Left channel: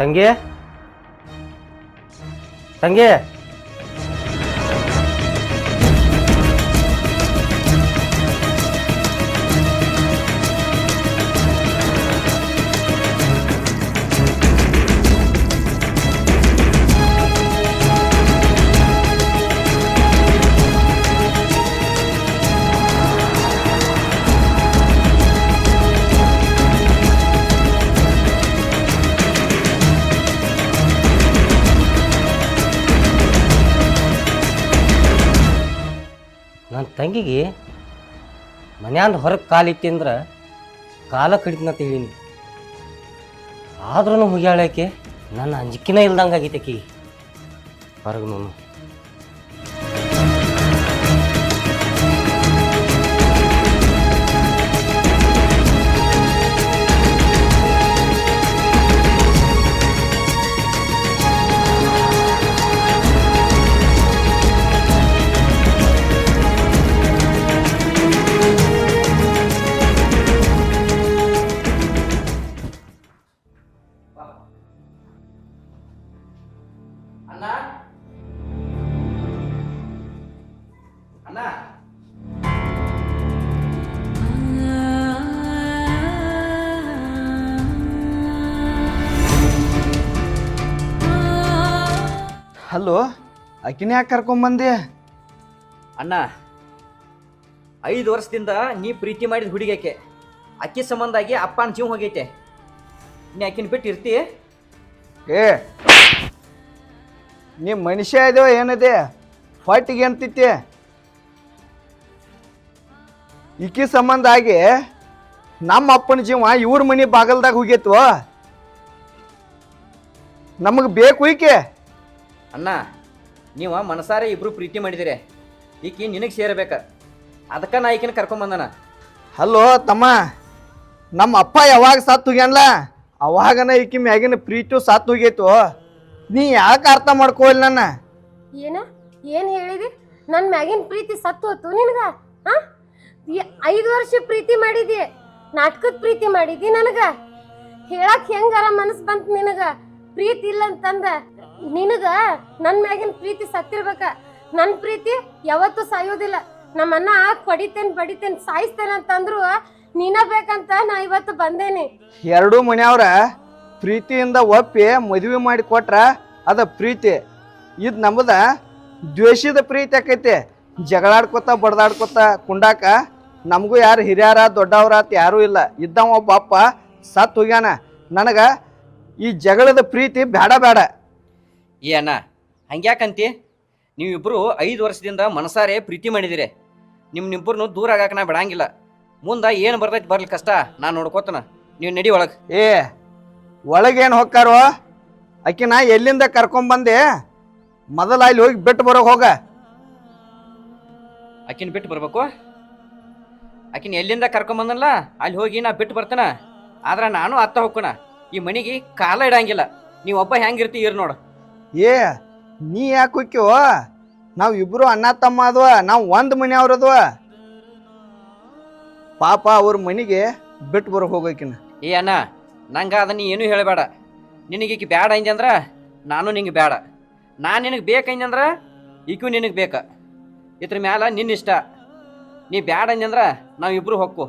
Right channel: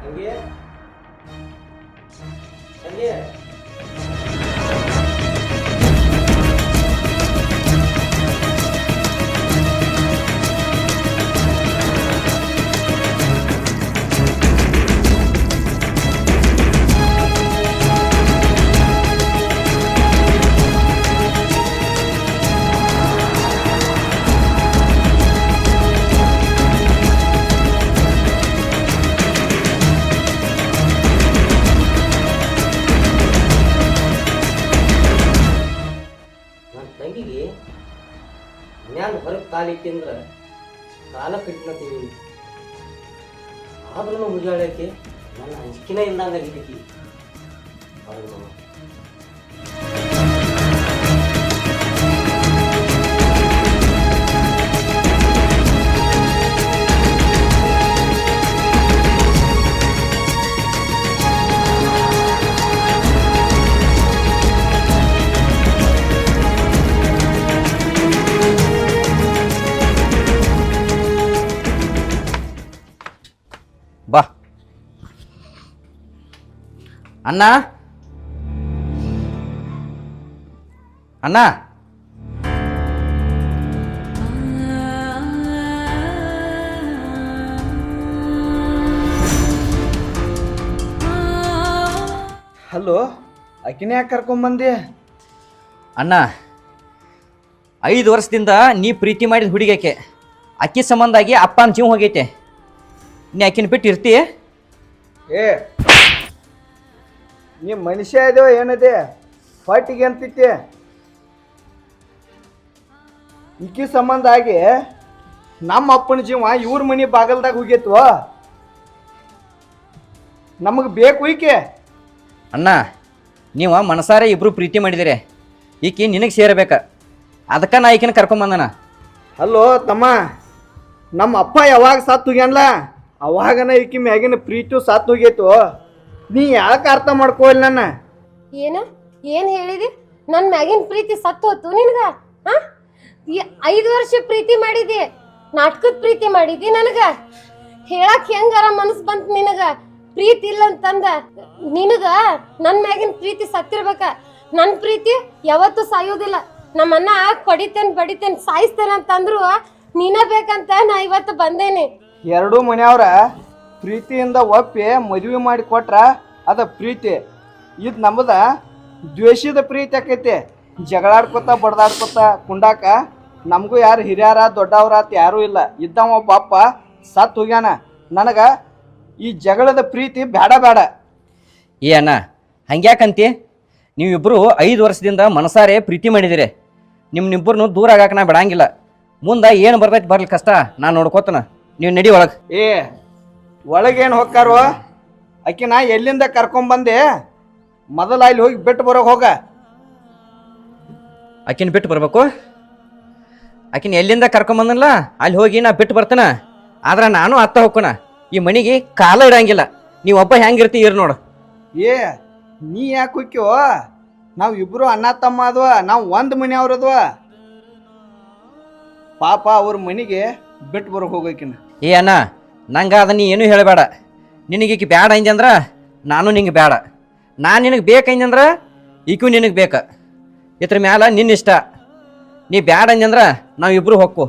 ತಂಗಿ ತಂಗಿ ತಂಗಿಗೆ ಮನ್ಯಾಂದ ಹೊರಗೆ ಕಾಲಿಟ್ಟಿ ಅಂದ್ರೆ ಕಾಲ ಕಡಿತನ ತಿಳಿನಿ ಆದ್ರೂ ಮುಗಿಯಾಳಕ್ಕೆ ನನ್ನ ಅಂಜಿಕಿನ ಇಲ್ದಂಗೆ ಆಗೈತಕಿ ಹೊರಗೆ ನಾನು ಬಾ ಅಣ್ಣ ಅಣ್ಣ ಹಲೋ ಆಕಿನ ಯಾಕೆ ಕರ್ಕೊಂಬಂದೆ? ಅಣ್ಣ 5 ವರ್ಷದಿಂದ ನೀ ಪ್ರೀತಿ ಮಾಡಿದ ಹುಡುಗಕ್ಕೆ ಅಕ್ಕಿ ಸಂಬಂಧ ಆಗಿ ಅಪ್ಪನ ಜೀವ ಹೋಗೈತೆ. ನೀ ಆಕಿನ ಬಿಟ್ಟು ಇರ್ತೀಯ? ಏ ನೀ ಮನುಷ್ಯ ಇದೇವ ಏನದೆ ಫಾಟಿಗೆ ಅಂತಿತ್ತೆ? ಈಕಿ ಸಂಬಂಧ ಆಗಿ ನಮ್ಮ ಅಪ್ಪನ ಜೀವ ಇವ್ರ ಮನೆ ಬಾಗಲ್ದಾಗ ಹೋಗೈತ್ವ. ನಮಗೆ ಬೇಕು ಈಕೆ. ಅಣ್ಣ ನೀವು ಮನಸಾರೆ ಇಬ್ರು ಪ್ರೀತಿ ಮಾಡಿದಿರಿ, ಈಕಿ ನಿನಗೆ ಸೇರಬೇಕ, ಅದಕ್ಕೆ ನಾ ಈಕಿನ ಕರ್ಕೊಂಬಂದನ. ಹಲೋ ತಮ್ಮ, ನಮ್ಮ ಅಪ್ಪ ಯಾವಾಗ ಸತ್ತು ಹೋಗ್ಯಾನ್ಲ ಅವಾಗನ ಈಕಿ ಮ್ಯಾಗಿನ ಪ್ರೀತಿ ಸತ್ತು ಹೋಗೈತು. ನೀ ಯಾಕೆ ಅರ್ಥ ಮಾಡ್ಕೋಲ್ಲ ನನ್ನ? ಏನ್ ಹೇಳಿದಿ? ನನ್ನ ಮ್ಯಾಗಿನ ಪ್ರೀತಿ ಸತ್ತು ಹೋತು ನಿನಗ? 5 ವರ್ಷ ಪ್ರೀತಿ ಮಾಡಿದಿ, ನಾಟಕದ ಪ್ರೀತಿ ಮಾಡಿದಿ. ನನಗ ಹೇಳಕ್ ಹೆಂಗಾರ ಮನಸ್ ಬಂತ ನಿನಗ? ಪ್ರೀತಿ ಇಲ್ಲ ಅಂತಂದ ನಿನಗ ನನ್ನ ಮ್ಯಾಗಿನ ಪ್ರೀತಿ ಸತ್ತಿರ್ಬೇಕ. ನನ್ನ ಪ್ರೀತಿ ಯಾವತ್ತೂ ಸಾಯೋದಿಲ್ಲ. ನಮ್ಮನ್ನ ಕೊಡಿತೇನೆ ಬಡಿತೇನೆ ಸಾಯಿಸ್ತೇನೆ ಅಂತಂದ್ರು ನೀನ ಬೇಕಂತ ನಾ ಇವತ್ತು ಬಂದೇನೆ. ಎರಡೂ ಮನೆಯವ್ರ ಪ್ರೀತಿಯಿಂದ ಒಪ್ಪಿ ಮದುವೆ ಮಾಡಿ ಕೊಟ್ರ ಅದ ಪ್ರೀತಿ. ಇದು ನಮ್ಮದ ದ್ವೇಷದ ಪ್ರೀತಿ ಆಕೈತೆ. ಜಗಳಾಡ್ಕೊತ ಬಡ್ದಾಡ್ಕೊತ ಕುಂಡಾಕ ನಮಗೂ ಯಾರು ಹಿರಿಯರ ದೊಡ್ಡವ್ರ ಅಂತ ಯಾರೂ ಇಲ್ಲ. ಇದ್ದವ ಒಬ್ಬ ಅಪ್ಪ ಸತ್ತು ಹೋಗ್ಯಾನ. ನನಗ ಈ ಜಗಳದ ಪ್ರೀತಿ ಬೇಡ ಬೇಡ. ಏ ಅಣ್ಣ ಹಂಗ್ಯಾಕಂತಿ? ನೀವಿಬ್ಬರು 5 ವರ್ಷದಿಂದ ಮನಸಾರೆ ಪ್ರೀತಿ ಮಾಡಿದಿರಿ. ನಿಮ್ಮನ್ನಿಬ್ಬರನ್ನು ದೂರ ಆಗಾಕ ನಾ ಬಿಡಂಗಿಲ್ಲ. ಮುಂದೆ ಏನು ಬರ್ತೈತಿ ಬರ್ಲಿ ಕಷ್ಟ ನಾನು ನೋಡ್ಕೋತನ. ನೀವು ನಡಿ ಒಳಗೆ. ಏ ಒಳಗೇನು ಹೊಕ್ಕಾರೋ? ಆಕಿನ ಎಲ್ಲಿಂದ ಕರ್ಕೊಂಬಂದೆ? ಮೊದಲ ಅಲ್ಲಿ ಹೋಗಿ ಬಿಟ್ಟು ಬರೋಕೆ ಹೋಗ. ಆಕಿನ ಬಿಟ್ಟು ಬರ್ಬೇಕು? ಆಕಿನ ಎಲ್ಲಿಂದ ಕರ್ಕೊಂಬಂದನಲ್ಲ ಅಲ್ಲಿ ಹೋಗಿ ನಾ ಬಿಟ್ಟು ಬರ್ತಾನ. ಆದ್ರೆ ನಾನು ಅತ್ತ ಹೋಗ್ಕೋಣ. ಈ ಮನೆಗೆ ಕಾಲ ಇಡಂಗಿಲ್ಲ. ನೀವು ಒಬ್ಬ ಹೆಂಗಿರ್ತಿ ಇರ್ ನೋಡು. ಏ ನೀ ಯಾಕೆ ಹೋಕ್ಕಿವ? ನಾವು ಇಬ್ರು ಅಣ್ಣ ತಮ್ಮ ಅದ್ವ, ನಾವು ಒಂದು ಮನೆಯವ್ರದ್ವ. ಪಾಪ ಅವ್ರ ಮನೆಗೆ ಬಿಟ್ಟು ಬರೋಕೆ ಹೋಗೋಕಿನ. ಏ ಅಣ್ಣ ನಂಗೆ ಅದನ್ನ ಏನು ಹೇಳಬೇಡ. ನಿನಗೀಕಿ ಬ್ಯಾಡ ಅಂದ್ರ ನಾನು ನಿಂಗೆ ಬೇಡ. ನಾನು ನಿನಗೆ ಬೇಕಂದ್ರ ಈಗೂ ನಿನಗೆ ಬೇಕ. ಇದ್ರ ಮ್ಯಾಲ ನಿನ್ನ ಇಷ್ಟ. ನೀ ಬ್ಯಾಡ ಅಂದ್ರ ನಾವಿಬ್ರು ಹೊಕ್ಕು.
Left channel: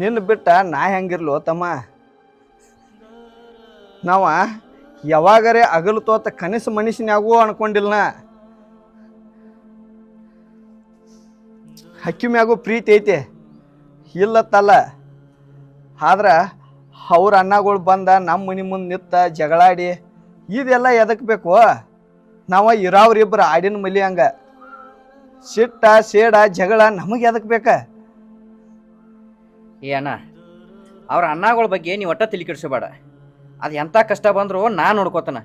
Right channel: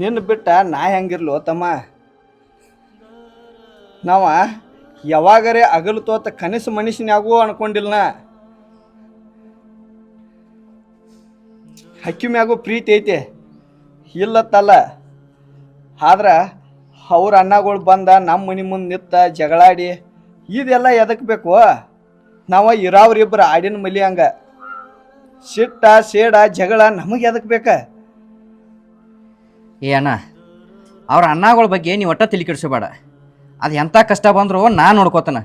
ನಿನ್ನ ಬಿಟ್ಟ ನಾ ಹೆಂಗಿರ್ಲು ತಮ್ಮ? ನಾವ ಯಾವಾಗರೇ ಅಗಲು ತೋತ ಕನಸು ಮನುಷ್ಯನ್ಯಾಗೂ ಅನ್ಕೊಂಡಿಲ್ಲ. ಹಕ್ಕಿ ಮ್ಯಾಗೂ ಪ್ರೀತಿ ಐತೆ ಇಲ್ಲತ್ತಲ್ಲ. ಆದ್ರ ಅವ್ರ ಅಣ್ಣಗಳು ಬಂದ ನಮ್ಮ ಮನೆ ಮುಂದೆ ನಿಂತ ಜಗಳಾಡಿ ಇದೆಲ್ಲ ಎದಕ್ ಬೇಕು? ನಾವು ಇರಾವ್ರಿಬ್ರು ಆಡಿನ ಮಲಿ ಹಂಗ ಸಿಟ್ಟ ಸೇಡ ಜಗಳ ನಮಗೆ ಎದಕ್ ಬೇಕ? ಏ ಅಣ್ಣ ಅವ್ರ ಅಣ್ಣಗಳ ಬಗ್ಗೆ ನೀವು ಒಟ್ಟ ತಲೆ ಕೆಡಿಸಬೇಡ. ಅದು ಎಂಥ ಕಷ್ಟ ಬಂದರೂ ನಾನು ನೋಡ್ಕೋತಾನ.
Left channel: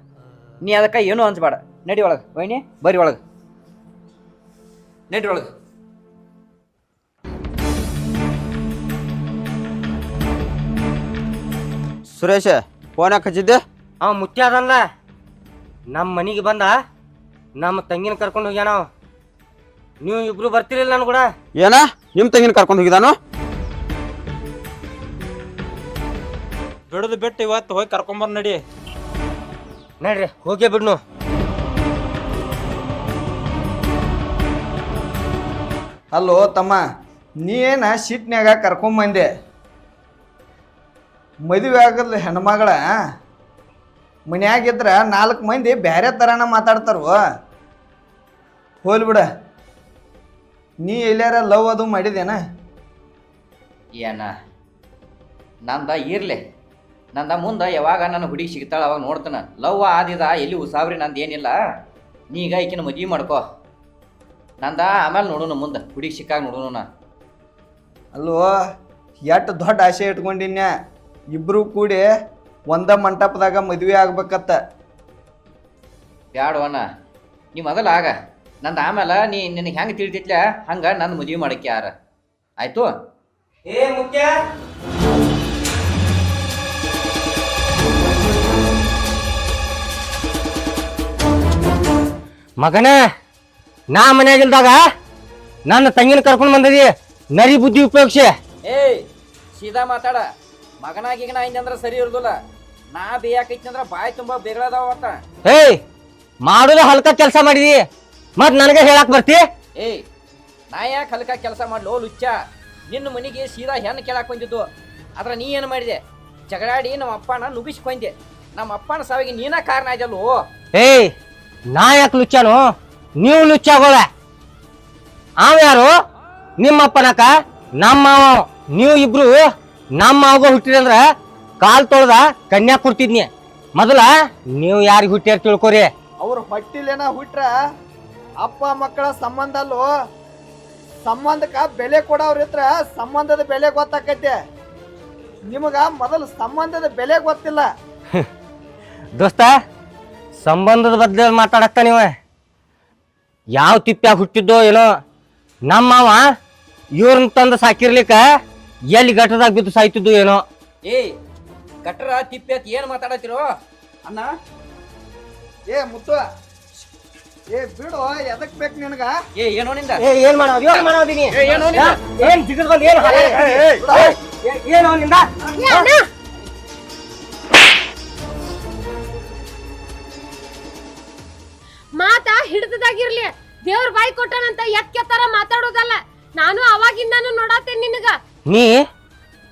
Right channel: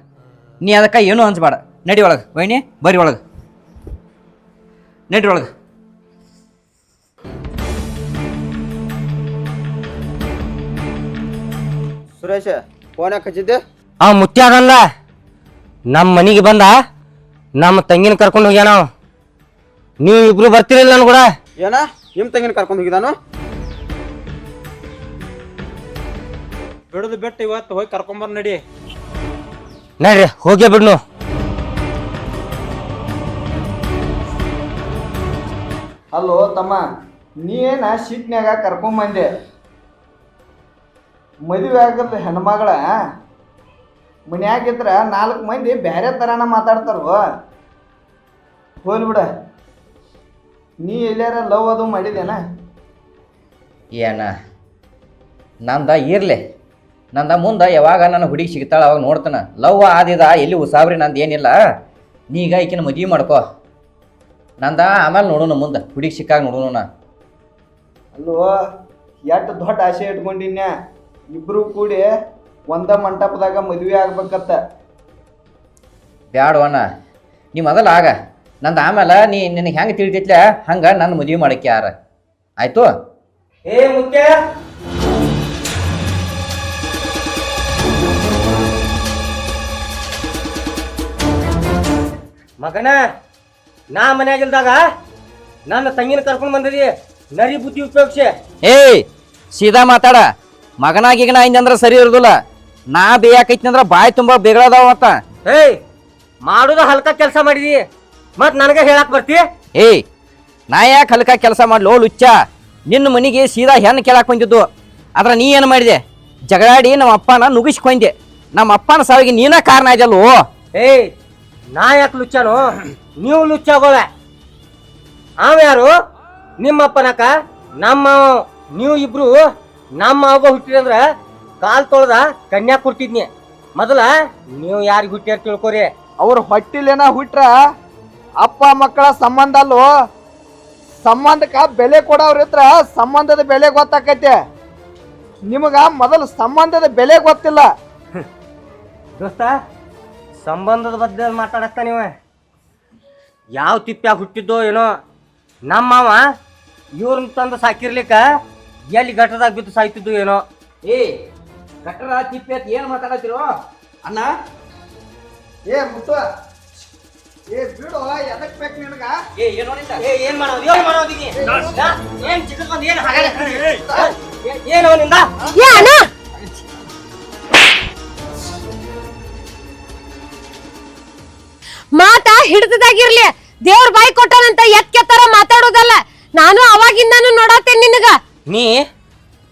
ನೀ ಅದಕ್ಕೆ ಏನೂ ಅನ್ಸ್ಬೇಡ. ನಡಿ ಒಳಗೆ. ವೈನಿ ಬರ್ರಿ ಒಳಗೆ. ನಡಿ ಒಳಗೆ. ಸುರೇಶ ಫೋನ್ ಹಚ್ಚಿದ್ದೆ? ಮುತ್ಯಾಗಲ್ಲ ನಮ್ಮ ಮನೆಗೆ ಬಂದ ನಮ್ಮ ತಂಗಿನ ಕರ್ಕೊಂಡು ಹೋಗ್ಯಾನ. ನೀವು ಇಬ್ರು ಬರ್ತಿರಲಿಲ್ಲ ನಾನು ಕೂಡ. ಏನ ನಿಮ್ ತಂಗಿನ ಕರ್ಕೊಂಡು ಹೋಗಿದಾನು? ಬಿಡದು ಬಿಟ್ಟು ಇವತ್ತು ಹೋಗಿ ಕರ್ಕೊಂಬರ್ ನಡಿ. ನಡ್ರಿ ಹೋಗೇ ಬಿಡ್ನು. ಅಲ್ಲೋ ತಮ್ಮ, ನೀ ಏನ ಸಿಟ್ನ್ಯಾಗ ಕರ್ಕೊಂಬಂದೆ. ಮದುವೆ ಆಗದ ಹೆಣ್ಮಗಳ ಮನ್ಯಾಗಿದ್ರ 4 ಮಂದಿ ಬ್ಯಾರೆ ಥರನ ಮಾತಾಡ್ತಾರವ. ಹೋಲ್ ಬಿಡ, ನೀ ಎಲ್ಲಾರ ಲವ್ ಅದು ಮಾಡಿದೇನ? ಏನ ನಂದ ಇರ್ಲಿ, ನಂದ ಮುಂದೆ ಯಾವಾಗ ನನ್ನ ಹುಡುಗಿ ಸಿಗ್ತಾಳ ಅವಾಗ ನೋಡ್ತಾನ. ಲವ್ ಆದಿದ ಎಲ್ಲಿ ಉಸಾಬ್ರಿ ನಂದು ಏನಿಲ್ಲ. ನೀ ಈಗ ಈಕಿನ ಮದುವೆ ಮಾಡ್ಕೋ. ನಂದ ಆಮೇಲೆ ನೋಡೋಣ, ಮುಂದೆ ಹುಡುಗಿ ಸಿಕ್ಕಾಗ ನೋಡೋಣ. ಅಲ್ವೋ, ಎಷ್ಟು ದೊಡ್ಡ ಆಸೆ ಇಟ್ಕೊಂಡಿನ್ಯ, ಇಬ್ರು ಕೂಡಿ ಒಂದ ಮಂಟಪದಾಗ ಮದುವೆ ಆಗ್ಬೇಕತ್ತ. ಬ್ಯಾಡವಣ್ಣ, ನೀ ಮೊದಲು ಆಗ, ನಂದು ಆಮೇಲೆ ನಿನಗೆ ಹೆಂಗೆ ತಿಳಿತೈತ್ಲ ಹಂಗೆ ನನ್ನ ಮದುವೆ ಮಾಡಕ್ಕೆ ಯಾರ ಆಯ್ತು? ಏ ಮುಖ್ಯ, ಮಗನ, ನಾ ಮನ್ಯಾಗಿಲ್ದಾಗ ನನ್ನ ತಂಗಿನ ಕರ್ಕೊಂಡು ಬಂದದಿ ನರಿ ಬುದ್ಧಿ ಉಪಯೋಗಿಸಿ. ಏಯ್ ಸೀದಾ ಮಾತಾಡ. ಮಗನಾಗಿಗನ ಅಂದ್ರೆ ಸರಿ ಇರೋದಿಲ್ಲ. ನಾ ಬೇಯಾಕೈತಿ ಅಂದ್ರೆ ಬಾಯಿ ತುಂಬ ಬೇಗಳದಾವ ಮತ್ತ. ಏಯ್, ಮಾಡೋದ ಹಲ್ಕ ಕೆಲಸ ಮಾಡಿದಿ, ಮತ್ ನನಗೆ ಹೇಳಕ್ ಬರ್ತಿ? ಏಯ್, ನಾ ಯಾಕೆ ಹಲ್ಕ ಕೆಲಸ ಮಾಡ್ಲೋ ಲುಚ್ಚ? ನಿನ್ನ ಮನೆಗೆ ಸೀದಾ ಹೆಣ್ಣು ಕೇಳಕ್ಕೆ ಬಂದಿದ್ದು. ಆದ್ರೆ ನೀ ಏನು ಮಾಡಿದೆ? ಜಗಳಾಡಿ ನಮ್ಮ ಅಪ್ಪನ ನುಗ್ಗಿಸ್ಕೊಂಡೆ. ನಮ್ಮ ಅಪ್ಪನ ಸಾವಿಗೆ ನೀನ ಕಾರಣ ಇದೆಯಲ್ಲೋ. ಏಯ್, ನಾ ಯಾಕೆ ಲುಚ್ಚಾನು? ನೀವು ಲುಚ್ಚಾಗೋಳ. ಅವ ಯಾರು? ನಿಮ್ಮಪ್ಪನಕ ನಮ್ಮ ನೀವು ಇಬ್ರು ನಮ್ಮ ಆಗೋ ಹುಟ್ಟಿದಂದ್ರ ಕಾಲ್ ತೊಳ್ದ ಕನ್ಯಾ ಕೊಡ್ತಿದ್ನಿ. ಮೊದಲ ನೀವು ಯಾರಿಗೆ ಹುಟ್ಟಿರ್ ತಿಳ್ಕೊರಿ. ಅವ್ರ ಹೊಟ್ಟಿಲೇನ ಹುಟ್ರ ಅಪ್ಪ ಮಕ್ಕಳ ಸಂಬಂಧ ಅಲ್ಲೋ. ಸಂಬಂಧಕ್ಕ ಬೆಲೆ ಕೊಡೋರ್ ಇದ್ರ ಸಂಬಂಧದ ಬೆಲೆ ಗೊತ್ತಾಕೈತೆ. ನಿಮಗ ಮೊದಲು ಸಂಬಂಧದ ಬೆಲೆ ಗೊತ್ತಿಲ್ಲ. ದೋಸ್ತ, ಸಂಬಂಧದ ಬದಲು ಮಾತಾಡಕ್ತ ನೀವ. ಯಾವ ತಿಪ್ಪ್ಯಾಗ ಹುಟ್ಟಿದ್ದೋ ಏನೋ, ನಮ್ಮವ ಇವ್ರನ್ನ ತಂದು ಸಾಕಿರ್ಲಿಕ್ಕ ಎಲ್ಲಿ ಗಟ್ಟದಾಗ ಬಿದ್ದು ಸಾಯ್ತಿದ್ದು ಏನೋ. ಏಯ್, ಕಟ್ರ ತಿಪ್ಪಿ ಅಂತ ಏನು ಮಾತಾಡತ್ತಿರೋ ಅಣ್ಣ? ಏ ಮುತ್ತ, ಏ ಬಿಡು, ಎದಕ್ ಬೇಕು ನಿನಗ? ಏನೋ ನಿಂದ? ಏನ್ ಮಾಡೋದು? ಏನ್ ಮಾಡೋದೀನಿ? ಏನ್ ಜಿಗದ್ ಬಂದ್ ಏನ್ ಏನೋ ನಿಂದ? ಏ ಅಣ್ಣ, ಮಾತಾ ಹಿಡ್ದದಾಗಿರ್ಲಿ, ದೇವ್ರ ಬಾಯಿ ಕೊಟ್ಟನಂತ ಎತ್ತರ ಮಾತಾಡೋದಲ್ಲ. ನಾನು ಅವಾಗಿಂದಾನು ನೋಡತ್ತೇನೆ ನಿನಗ. ನೀ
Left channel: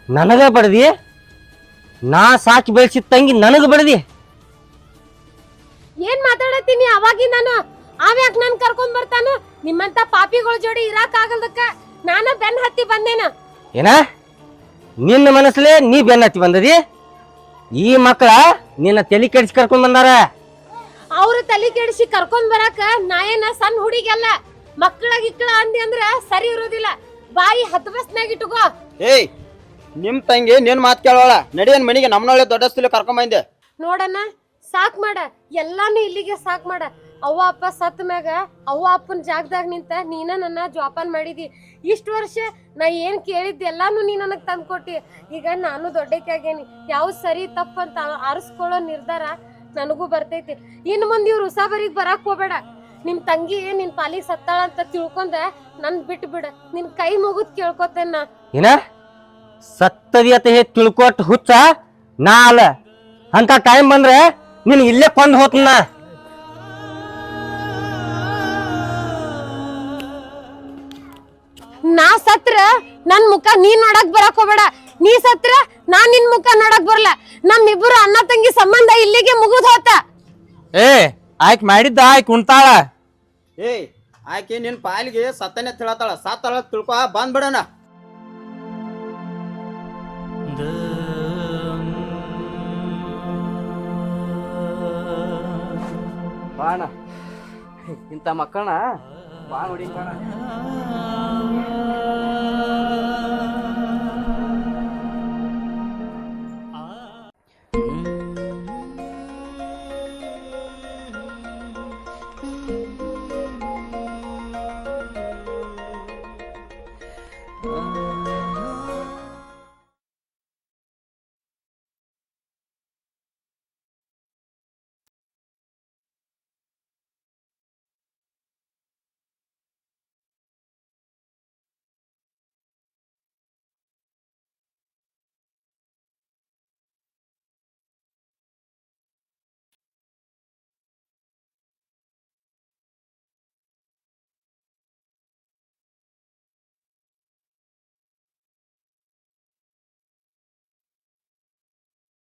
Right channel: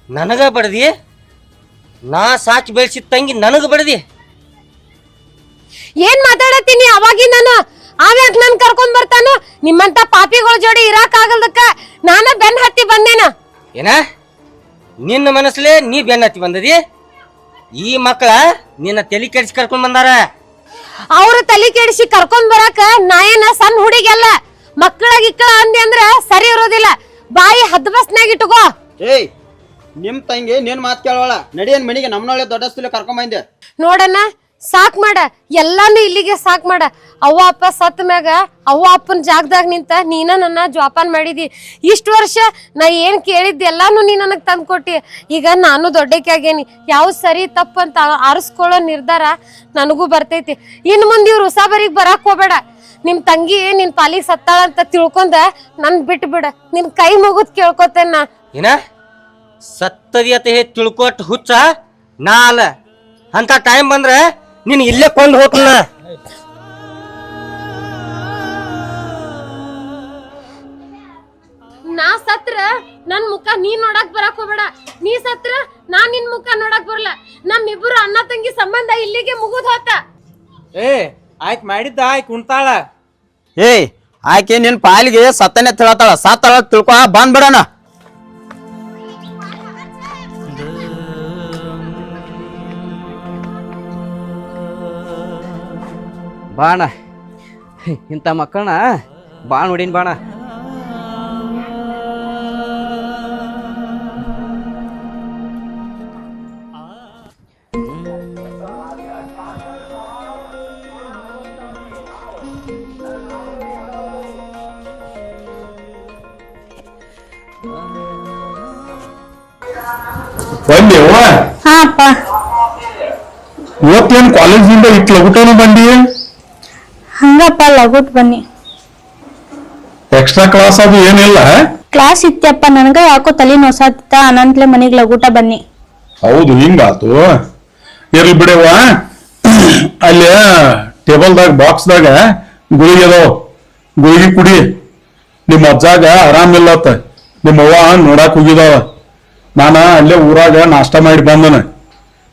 ನನಗ ಬಡದಿ, ನಾ ಸಾಕಿ ಬೆಳೆಸಿದ ತಂಗಿ ನನಗ ಬಡದಿ. ಏನ್ ಮಾತಾಡತ್ತೀನಿ ಅವಾಗಿಂದಾನು? ಆವ್ಯಾಕ್ ನನ್ ಕರ್ಕೊಂಡ್ ಬರ್ತಾನು? ನಿಮ್ಮಂತ ಪಾಪಿಗಳ ಜೋಡಿ ಇರಾಕ್ ಆಗಲ್ದಕ್ಕ ನಾನ ಬೆನ್ ಹತ್ತಿ ಬಂದೇನ. ಏನ ನಿನ್ನ ಮನಸ್ಸಲ್ಲೇ ನೀ ಬೆನ್ನತ್ತಿ ಬಂದದಿ? ಈ ಮಕ್ಕಳ ನಿನ್ನ ತಲೆ ಕೆಡಿಸಿ ಕರ್ಕೊಂಡ್ ಬಂದಾರ. ಅವ್ರ ತಲೆ ಕೆಡಿಸಿ ಕರ್ಕೊಂಡ್ ಬರಾಕ ನಾ ಏನ ಸಣ್ಣ ಹುಡುಗಿಯಲ್ಲ. ಮಕ್ಕಳ ಗಿಕ್ಕಳ ಅಂದೆ ಅಂದ್ರ ಸರಿ ಇರೋದಿಲ್ಲ. ಬಾಯಿ ಹದ್ ಬಸ್ನಾಗ ಇಟ್ಕೋ. ಏಯ್, ನಿಮ್ ತಂಗಿ ನಿನ್ ಮಾತು ಕೇಳೋಳ. ನಡಿಯನ್ ಮನೆಗೆ ನಮ್ಮನೊಳ್ಳೆ ದೊಡ್ಡಸ್ತಲೆ ಕರ್ಕೊಂಬಂದೆ. ನೋಡಣ್ಣ, ಸಾಕ್ ಮಾಡ, ಎಲ್ಲಾನು ಇಲ್ಲಿಗೆ ಸಾಕ್ ಮಾಡ. ಅವ್ವ ಅಪ್ಪ ಸತ್ ಮ್ಯಾಗ ಅವ್ವ ಅಪ್ಪನ ಜಾಗದಾಗ ನಿಂತ ನೀನ ನನ್ನ ಜೋಪಾನ ಮಾಡಿದಿ. ಇಷ್ಟು ವರ್ಷ ನಾ ಏನ್ ಕೇಳಿದ್ದೆ ಎಲ್ಲಾನು ನೀ ನನಗ್ ತಂದ್ ಕೊಟ್ಟಿ. ಈಗ ನಾನು ದೊಡ್ಡಕ್ಕೆ ಆಗೇನಿ. ಯಾವ ಸರಿ ತಪ್ಪಂತ ಆರಿಸ್ಕೊಳ್ಳೋ ನಿರ್ಧಾರ ನನಗೂ ಬರ್ತೈತಿ. ಇನ್ ಮುಂದೆ ಇವ್ರು ಉಸಾಬರಿಗೆ ಬರಾಕ್ ಹೋಗ್ಬೇಡ. ನಿಮ್ ತಂಗಿ ನಿನ್ ಪಾಲಿಗೆ ಸತ್ತಾಳ ಅಂತ ತಿಳ್ಕೊಂಡ ನನ್ ಬಿಟ್ಟು ಬಿಡ. ನಿನ್ ಕೈ ಮುಗಿದ್ ಕೇಳ್ಕೊತೇನ ನಾ. ಏನ ಸತ್ತದಿ ಅಂತ ಹೇಳಿ ತಿಳ್ಕೊಟ್ ಹುಚ್ಚ ನಾ ಅಲ್ಲ. ಅಂತ ಟೈಮ್ ಬಂದ್ರೆ ನೀನ್ ಇಲ್ಲೇ ಕೊಂದು ಹೋಗ್ತನ. ನಾ ಸತ್ರ ನನ್ ಮುಖ ನೀ ನೋಡಕ್ ಬರಾಕ್ ಹೋಗ್ಬೇಡ. ನೀ ಸತ್ರ ನಾನ್ ನಿನ್ ಮುಖ ನೋಡಕ್ ಬರಲ್ಲ. ನಮ್ಮಿಬ್ಬರು ಅಣ್ಣ ತಂಗಿ ಸಂಬಂಧ ಇಲ್ಲಿಗೆ ಮುಗಿದ್ ಹೋತ. ಏ ಆಯ್ಕೆ ಮಾಡಿದ್ದ ಆಯ್ಕೆ ಉಣ್ತಾಳ. ಏಯ್, ಆಯ್ಕೆ ನಿನ್ ಪಾಲಿಗೆ ಸತ್ತನೆ ತಿಳತಾಳ. ಸತ್ತಾಳ ತಿಳ್ಕೊ, ಬಂದ್ಬಿಡೋಣ. ಬಾಣ, ಇಂಥ ಮಕ್ಕಳನ್ನ ಬಾ ನೋಡಿನ್ ಬಾಣ. ಹಾ ಅಪ್ಪ, ಇವತ್ತೇನು ಕಾಲೇಜಿಂದ ಇಟ್ಟು ಲಗುಟನು ಬಂದಿ? ಹಂಗಪ್ಪ ಲಗುಟ್ ಬನ್ನಿ. ಎಕ್ಸ್ಟ್ರಾ ಕ್ಲಾಸ್ ಅದು ಏನಿಲ್ಲ? ಕ್ಲಾಸ್ ಇತ್ತಪ್ಪ, ನನಗ ಯಾಕೋ ತಲೆ ನೋಸಾತ್ತ, ಅನಂತ್ಲೆ ಮನಿಗ್ ಲಗೂಟ ಬನ್ನಿ. ಹೌದು, ಹಿಂಗಾತು. ಇರ್ಲಿ ಬಿಡವ, ಅಲ್ಲಿ ಟೇಬಲ್ದಾಗ ಬಾಕ್ಸ್ದಾಗ ಗುಳಿಗೆ ಅದಾವ, ಗುಳಿಗೆ ಕುಡಿ. ನಿಮ್ಮ ಅಜ್ಜಾಗ ಆರಾಮಿಲ್ಲತ್ತ, ನಿಮ್ಮ ಅವ್ವ ನೋಡಾಕ್ ಹೋಗಿದಾವ. ನಾನ ಅಲ್ಲೇ ಊರಾಗ ನಾಷ್ಟ ಮಾಡಿ ಬಂದನ.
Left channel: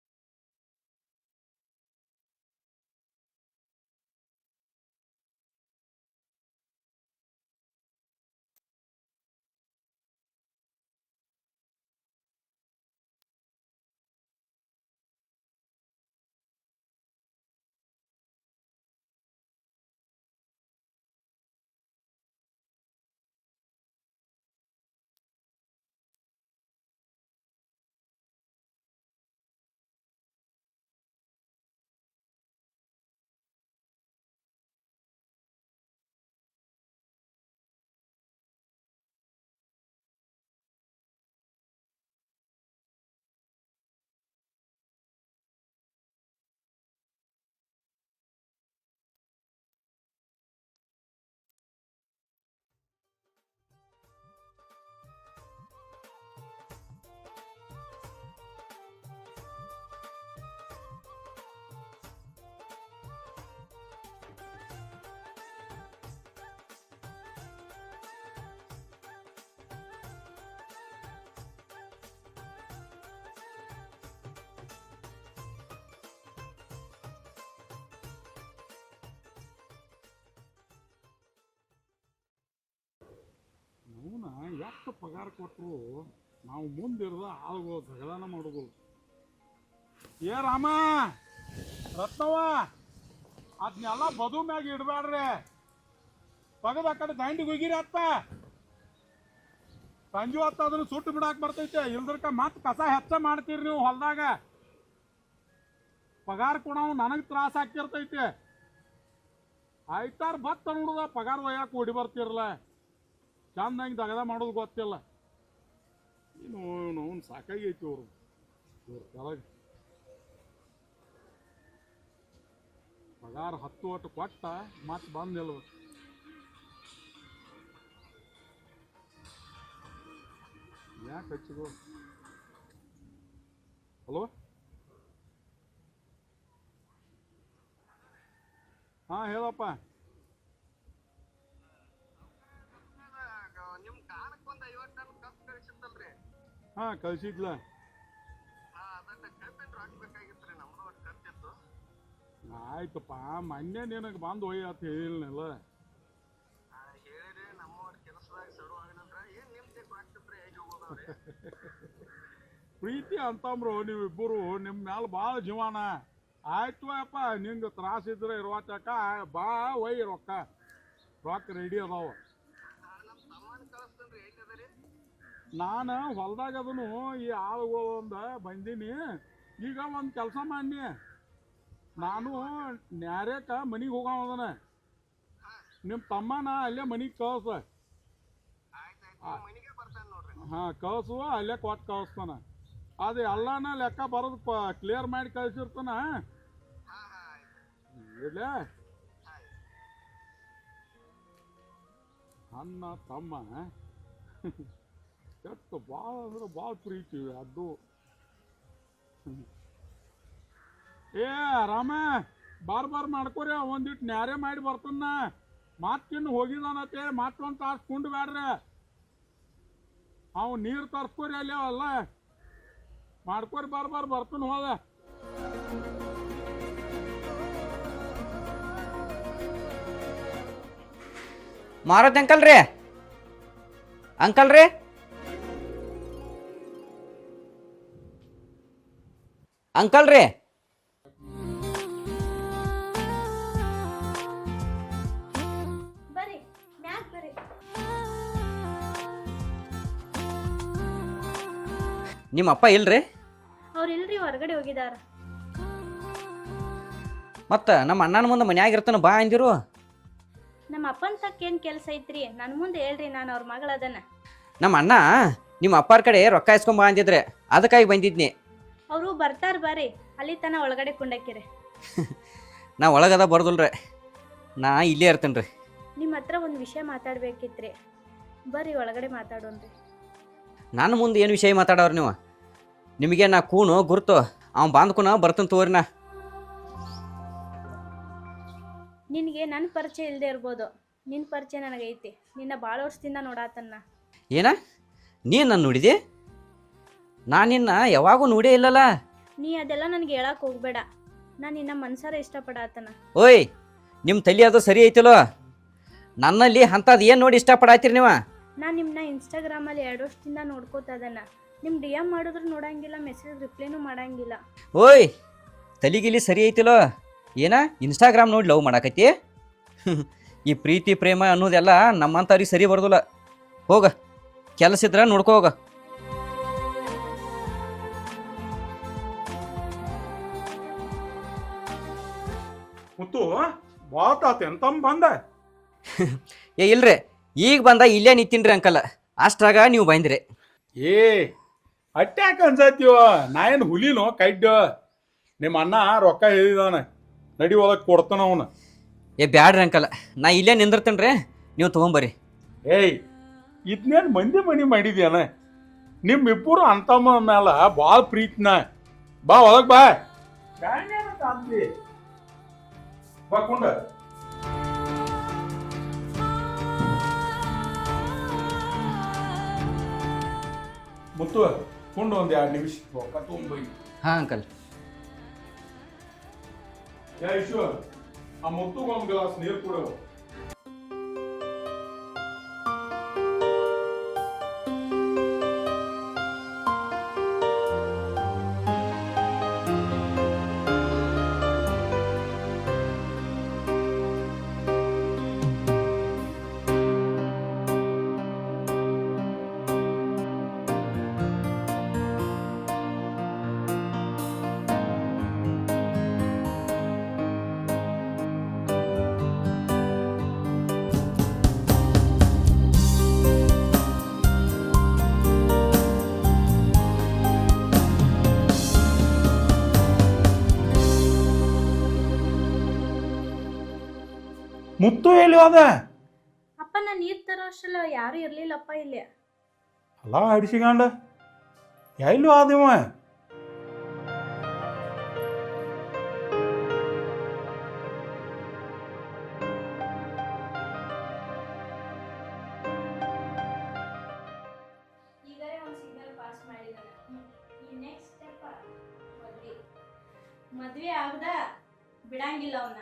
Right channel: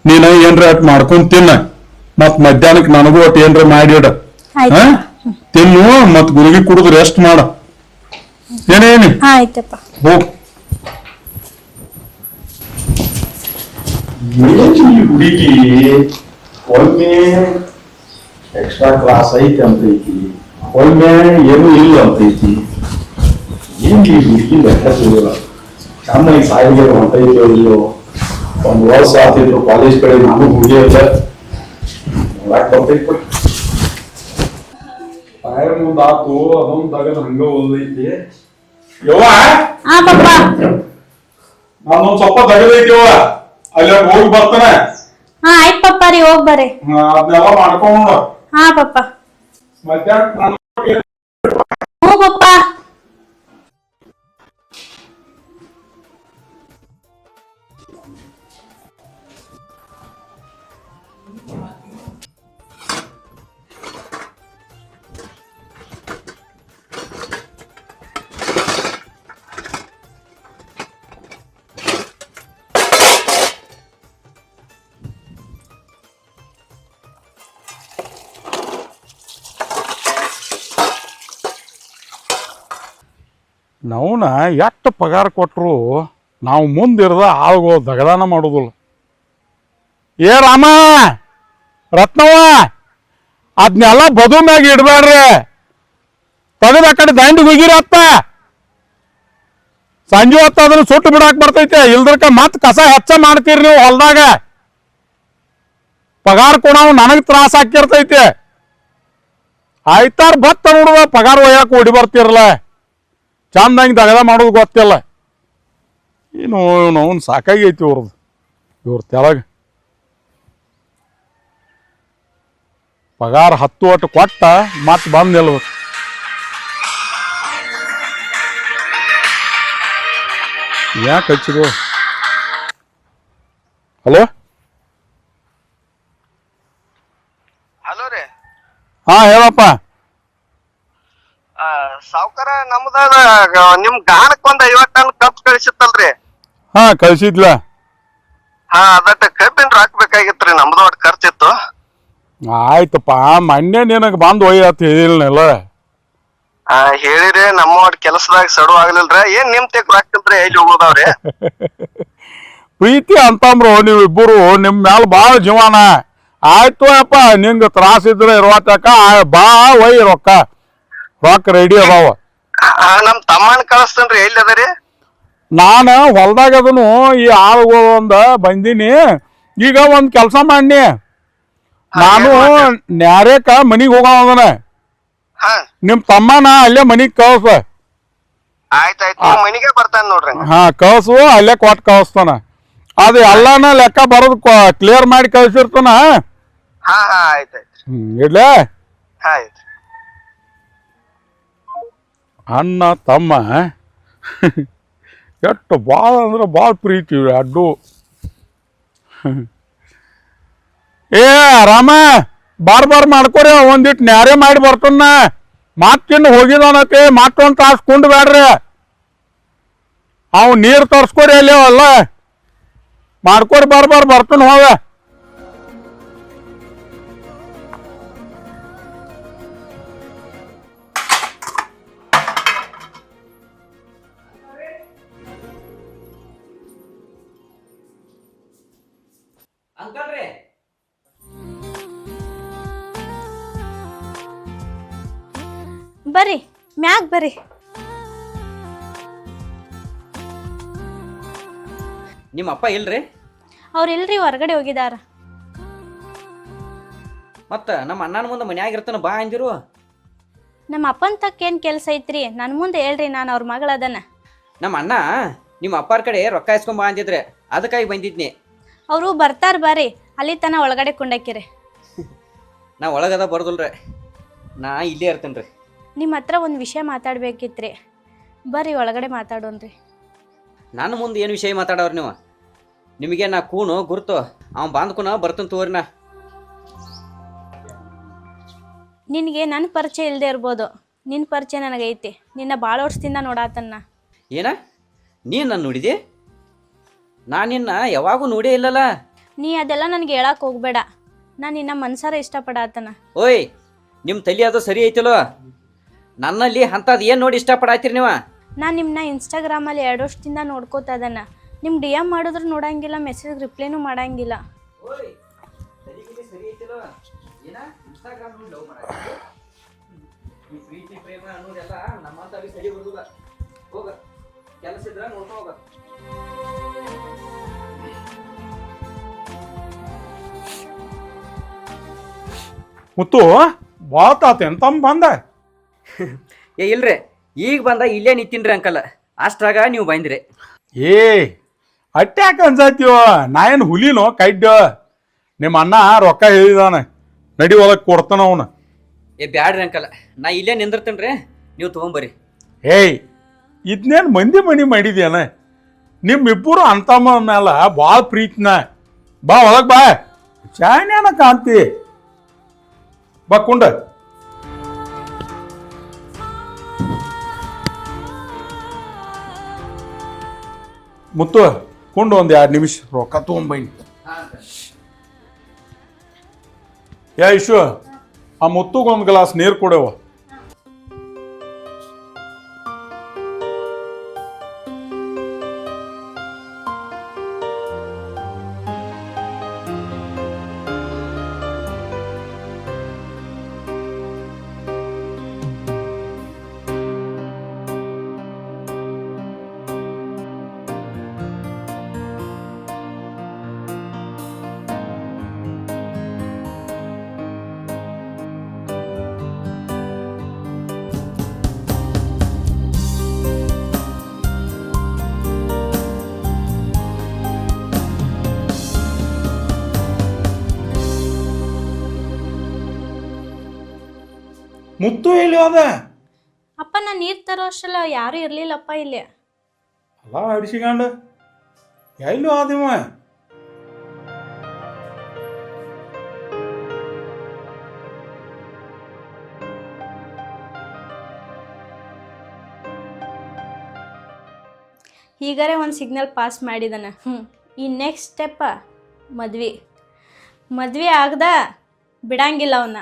ನೀನ ಏನ್ರ ಅಟ್ ಮಾಡ್ಕೊಂಡ್ ತಿನ್ನ, ಮತ್ ಮಧ್ಯಾಹ್ನಕ್ ನನಗೂ ಒಟ್ಟು ಏನ್ರ ಮಾಡಿಡ. ಆಯ್ತು. ತಿನ್ನು, ಮತ್ ಗುಳಿಗೆ ಕುಡಿದು ರೆಸ್ಟ್ ಮಾಡ. ಏನೇನಿ ಆಯ್ತಪ್ಪ. ಹೋಗ್. ಹುಡುಗಿ ಒಮ್ಮೆ ಎಕ್ಸ್ಟ್ರಾ ಕ್ಲಾಸ್ ಐತಿ ಅಂತೈತಿ, ಒಮ್ಮೆ ಏನು ಇಲ್ಲ ಅಂತೈತಿ. ಏನ್ ಈ ಹುಡುಗಿ ಲೆಕ್ಕ ಸಿಗಲ್ಲ. ಚೆನ್ನಾಗಿ ಸಾಯಿಗೆ ಹೊಂಟೈತಿ ಇಲ್ಲೋ. ಒಂದು ವರ್ಷ ಆಗ್ತಿದ್ರು ಕಾಲೇಜ್ ಕಡೆ ನಾನು ಹುಡುಗಿ ಇಲ್ಲ ನೋಡಾಕ್ ಬರ್ತೈತಿ. ಟೈರ್ ಮುಂದ್ ಆತು, ಅದೊಂದು ತಗದ್ ಹಂಗ ಓದೈತಿ. ಯವ್ವ, ಹಾ ಪಪ್ಪ. ನಾನೊಂದ್ ಸ್ವಲ್ಪ ತಗದೈತಿ ಯವ್ವ, ಅಲ್ಲಿ ಹೋಗಿ ಬರ್ತಾನೆ. ಹಾ ಆಯ್ತು ಪಪ್ಪ ರೀ, ಹೋಗ್ ಬರ್ರಿ. ಅದನ್ನೆಲ್ಲ ಮಾಡ್ಕೊಂಡು ಹಾ ಪಪ್ಪ. ಮಧ್ಯಾಹ್ನ ಹ್ಞೂ ಪಪ್ಪ. ನಾವುನ ಎಷ್ಟು ಪಗಾರ ಕೊಟ್ಟರು ನಾವು ಮುಂದಿರದ ಆಳುಗಳು ದಗದಾನ ಮಾಡೋದಿಲ್ಲ. ಏ ರಾಮ, ರತ್ನವ್ವ, ಅದನ್ನೆಲ್ಲ ಬದು ಮ್ಯಾಗ ಇಡಬೇಡ್ರಿ, ತೆಗೆದು ಆ ಕಡೆ ದಂಡಿಗೆ ಹೋಗಿರತ್ತ. ಸಂಜೆ ಹೊತ್ತು ಅದನ್ನ ಸುಟ್ಟು ಬಿಡಾಕ್ ಬರ್ತೈತೆ, ಇಲ್ದ್ರಕ ಮತ್ತೆ ಕಸ ಹೆಚ್ಚ ಮಾಡ್ತೀರಿ ನೀವು ಹೊಲ್ದಾಗ. ಪಗಾರ ಕೊಡವು ನನಗೆ ತ್ರಾಸ ಹಾಕಿರ್ತೈತೆ. ಆಯ್ತಾರ ಭತ್ತ ನೋಡುವ ಪಗಾರ ಒಯ್ಯಾಕ ಓಡಿ ಬರ್ತಿರಲ್ಲ, ಚಂದಂಗೆ ದಗದ ಮಾಡೋದು ಗೊತ್ತಿಲ್ಲ. ಏನು ನಾವು ಸಾಕಾಗೈತಿ ಇವ್ರದ್ದು, ಇವ್ರ ತೆಳಗ ಪಗಾರ 10 ಒಟ್ಟು ಕೊಟ್ಟ ಮತ್ತೆ ಬಂದು ನಿಲ್ಬೇಕು. ಯಾಕೆ ಹಚ್ಚಿದು? ಹಲೋ, ಹಲೋ ರೀ. ಹಾ ಹೇಳಪ್ಪ. ಸಾವ್ಕಾರ, ನಮ್ದ ನಿಮ್ ಗಾಣಕ್ ಒಂದ್ 50 ಟನ್ ಕಬ್ಬ್ ಕಳಿಸಿತ್ತಲ್ರಿ? ಹಾ ಕಳ್ಸಿದ್ಲ. ಹಾ, ಅದಟ್ಟ ಕಬ್ಬಿನ ರಾಕ್ ಬೇಕಾಗಿತ್ರಿ, ನಮ್ದು ಒಟ್ಟು ಖರ್ಚಿತ್ತು. ಆಯ್ತಪ್ಪ, ಮೊನ್ನೆ ನಿನಗೆ ಬಂದು ಒಯ್ಯತ್ ಹೇಳಿಲ್ಲ. ಹೇಳಿರಿ, ನಮ್ಮ ಒಟ್ಟು ಕೆಲಸದಾಗ ಸಡು ಆಗ್ಲಿಲ್ರ. ಏನ್ ನಿಮ್ ತೆಗ್ ರಾಕ್ತಿಲ್ರಿ, ಎಲ್ಲಿ ಹೋಗೋದಾವ್ರಿ? ಪ್ರೀತಿ ಅಂತಂಬ್ರು ನೀವಿಬ್ಬರು, ನಿಮ್ ಮ್ಯಾಲ ಭಾಳ ಜೀವನ. ಆಯ್ತು ಅಪ್ಪ, ನಿಂಗೆ ತ್ರಾಸ ಇದ್ರೆ ಇರುವತ್ತಕ ಬಾ ಒಯ್, ರೊಕ್ಕ ರೆಡಿ ಅದಾವ. ನಮ್ ತಮ್ಮನ್ ಕಳಿಸ್ತೇನ್ರಿ, ಎಲ್ಲಿ ಅದರಿ? ನಾನು ಹೊಲ್ದಾಗ ಅದನು ಈ ಆಳುಗಳು ಒಂದ ಬಂದೀನಿ. ಈಗ ಒಂದ್ ಕೆಲಸ ಮಾಡಿ, ನಾನು ನ್ಯಾರೇಕ ಮನಿಗ್ ಹೋಗೋದನ. ನಿಮ್ ತಮ್ಮನ ಅಲ್ಲೇ ಮನಿಗ್ ಕಳ್ಸ. ಆಯ್ತಾಯ್ತು, ಮನಿಗೆ ಬರ್ತಾನ ನೋಡ್ರಿ. ಹಾ ಕಳ್ಸು, ಅಲ್ಲೇ ಕೊಟ್ಟು ಕಳಿಸ್ತಾನ. ಅದು ಎಲ್ಲಾನ ಲೆಕ್ಕ ಬರೋದು ಕ್ಲಿಯರ್ ಮಾಡಿ ಕಳ್ಸಿರ್ತಾನ. ಹಾ ಹಾ ಆಯ್ತಾಯ್ತು. ಇಡ್ಲೇ. ಆಯ್ತು. ಅಣ್ಣ ತಮ್ಮ ಎಷ್ಟು ಭಾಳ ಅಂದ್ರೆ ಭಾಳ ಪ್ರೀತಿ ಅಡ್ಡು. ಏ ರಾಮ, ಬಾರ್ ಮಾಡ್ಕೊರಿ, ಒಂದಿಟ್ಟು ನ್ಯಾರೇ ಮಾಡಿ ಬರ್ತಾನ. ಮತ್ತಿನ್ನು ಹೋಗಿದಾನತೆ, ಮತ್ತೊಂದು ತಾಸು ಕುಂಡು ಬೇಡ್ರಿ. ಅವ್ ನೀರು ತರ್ಸ್ಕೊರಿ ಅಲ್ಲಿ ಅಲ್ಲ, ಮಾಡ್ಕೊರಿ ಬರ್ತಾನ ಹೋಗ. ಮಾರಕ್ ಅಂಕಲ್ ರೀ, ಅಂಕಲ್ ರೀ, ಅಂಕಲ್ ರೀ. ಬರ್ರಿ ಮ್ಯಾಗ್ ಬರ್ರಿ. ನಿಮ್ಮ ಅಪ್ಪ ಇಲ್ರಿ? ಅವ್ರಿಲ್ರಿ, ಹೊರಗಡೆ ಹೋಗಿದಾರ. ಮತ್ತ ನಮ್ಮ ಅಣ್ಣನ ಮುಂದೆ ಮನ್ಯಾಗ ಇರ್ತಾನ ಬಾ ಅಂದಿರು. ನಮ್ಮ ಅಪ್ಪನ ತಕ್ಕ ಏನ್ ಕೆಲಸ ಐತ್ರಿ? ನನ್ನ ಮುಂದೆ ಹೇಳ್ರಿ, ನಾನು ಅವ್ರ ಮಗಳದನ. ನಮ್ಮ ಅಣ್ಣ ನಿಮ್ಮ ಅಪ್ಪಾರ ಕಡೆ ರೊಕ್ಕ ಇಸ್ಕೊಂಬ ಅಂದಿದ್ರೆ ಅದಕ್ಕಾಗಿ ಬಂದಿದ್ನಿ. ಅವರು ಬರ್ತಾರ ಬರ್ರಿ, ಅಲ್ಲಿ ತನ ಒಳಗಡೆ ಕುಂಡಕ್ಕಿರಿ. ನಾ ಒಳಗದ ಬರ್ದಲ್ರಿ, ನಾ ಇಲ್ಲೇ ಇರ್ತೇನೆ ರೀ. ನಿಮ್ಮ ಹತ್ರ ಒಂದು ವಿಷಯ ಮಾತಾಡ್ಬೇಕಿತ್ರಿ. ಬರ್ರಿ ಒಳಗಡೆ ಮಾತಾಡೋಣ್ರಿ. ನನ್ನ ಮುಂದೆ ಏನು ವಿಷಯ ಮಾತಾಡೋರು ನೀವು? ನಿಮಗೆ ನಾ ಕೂನು ಗುರ್ತು ಅವ್ನು ಬಾಂದ್ಕೂನ ಬರ್ತಾನೆ ತೋರಿನ. ನಿನಗೆ ನನ್ನ ಪರಿಚಯ ಇಲ್ಲದೆ ಇರ್ಬೋದು, ನಿನ್ನ ಪರಿಚಯ ನನಗೈತಿ. ನಿನ್ನ ಭಾಳ ವರ್ಷದಿಂದ ನೋಡಾತನ್ನ. ಏನ ನೀನು ನನ್ನ ನೋಡಿದಿ? ನಾನು ನಿನ್ನ ಯಾವಾಗೂ ನೋಡೇ ಇಲ್ಲಲ್ಲ. ನೀ ಅದೆಲ್ಲ ನನಗೆ ಹೇಳಕ್ಕೆ ಹೋಗ್ಬೇಡ. ನಾನು ನಿನ್ನ ಮನ್ಸಾರ ಇಷ್ಟಪಡಾತನ. ಓಯ್, ನಿಮ್ಮ ತಲೆ ಅದು ಸರಿ ಐತಿಲ್ವ? ನನ್ನಲ್ಲಿ ಅಂಥದ್ದು ಏನು ನೋಡಿ ಇಷ್ಟಪಡಾತೀರಿ ನೀವು? ನಾನು ನಿಮ್ಮನ್ನ ಇನ್ಸ್ಟಾಗ್ರಾಮಲ್ಲಿ 2 ವರ್ಷದಿಂದ ನೋಡ್ಕೋತಾ ಇದನ್ನ. ನಿಮ್ಮ DM ಮಾಡಿದ್ರು ನೋಡಂಗಿಲ್ಲ, ಮೆಸೇಜ್ ರಿಪ್ಲೈನೂ ಮಾಡಂಗಿಲ್ಲ. ಓಯ್, ತಲೆಗಿಲಿ ಸರಿ ಐತಿಲೋ? ಏನ ಇನ್ಸ್ಟಾಗ್ರಾಮ್ ನೋಡಿ ಲವ್ ಮಾಡಾಕೈತಿ? ಈ ಪ್ರೀತಿ ಪ್ರೇಮ ಅನ್ನೋದೆಲ್ಲ ನಮ್ಮಂಥವ್ರಿಗೆ ಸರಿ ಬರ್ದಲ್ಲ. ಹೋಗ, ಕೆಲಸ ಇದ್ರೆ ನೋಡ್ಕೋ ಹೋಗ. ಮುತ್ತು ಬಾತಾತೇನ್ ತಮ್ಮ ಬಂದ? ಏ ಇಲ್ರಿ, ಈಗ ಬಂದ ಇಲ್ಲೇ ನಿಂತೀನ್ರಿ ಅಂಕಲ್. ಅಷ್ಟ್ರಾಗ ನೀವು ಬಂದ್ರಿ. ಏ ಅಟ್ಯಾಕ ಅನ್ಸತ್ತೀವ? ನಾ ಏನು ಹುಲಿನೋ ಕಡ್ಡ? ನಿಮ್ಮ ಅಣ್ಣ ರೊಕ್ಕ ಹೇಳಿದಾನ, ನಡಿ ಒಳಗೆ ಕೊಡ್ತಾನ ಅವನು. ಏ ಬ್ಯಾಡ್ರಿ ಅಂಕಲ್, ನಾ ಇಲ್ಲೇ ನಿಂದಿರ್ತೇನ್ರಿ, ನೀವು ತೊಗೊಂಬರ್ರಿ. ಏಯ್, ಇದನ್ನೇನು ಮಂದಿ ಮಣಿ ಮಾಡಿದ್ಯಾನ? ನಿಮ್ಮಿಬ್ಬರು ಅಂತಮ್ಮ ಮ್ಯಾಲ ಭಾಳ ಪ್ರೀತಿನ. ಬಾ ಒಳಗೆ ಬಾ, ಚಾಯ್ನೇನ ಕಾಂತಿ. ಬಾ ಕುಂಡ. ಮುತ್ತು ಕೊಂಡು ಒಂದು 2 ನಿಮಿಷ ರೊಕ್ಕ ತೊಗೊಂಬೈನಿ. ಹಾಂ ಅಂಕಲ್. ಯಾ ಇಶು, ಆ ಮುತ್ತುಗೊಂದು ಗ್ಲಾಸ್ ನೀರು ಕೊಡವ. ಮುತ್ತು ಎಲ್ಲಿ ಹೋದ? ಅಪ್ಪ, ನಾನು ನೀರು ತರೋ ಅಷ್ಟಲ್ಲ ಯಾರೂ ಇರಲಿಲ್ಲಪ್ಪ ಇಲ್ಲಿ. ಅಲ್ಲ ಹಿಡಿಸಿಕೊಂಡ ಎಲ್ಲೂ ಆದಿವ. ಹೀಗಾರೆ ಒಂದು ಸಿಗ್ನಲ್ ಪಾಸ್ ಮಾಡಿದಾನ. ಈ ನೆಕ್ಸ್ಟ್ ಸ್ಟೆಪ್ಪ ಮದ್ವೆ ಆಗದ ಬಿಡಂಗಿಲ್ಲ ಅವನ್ನ.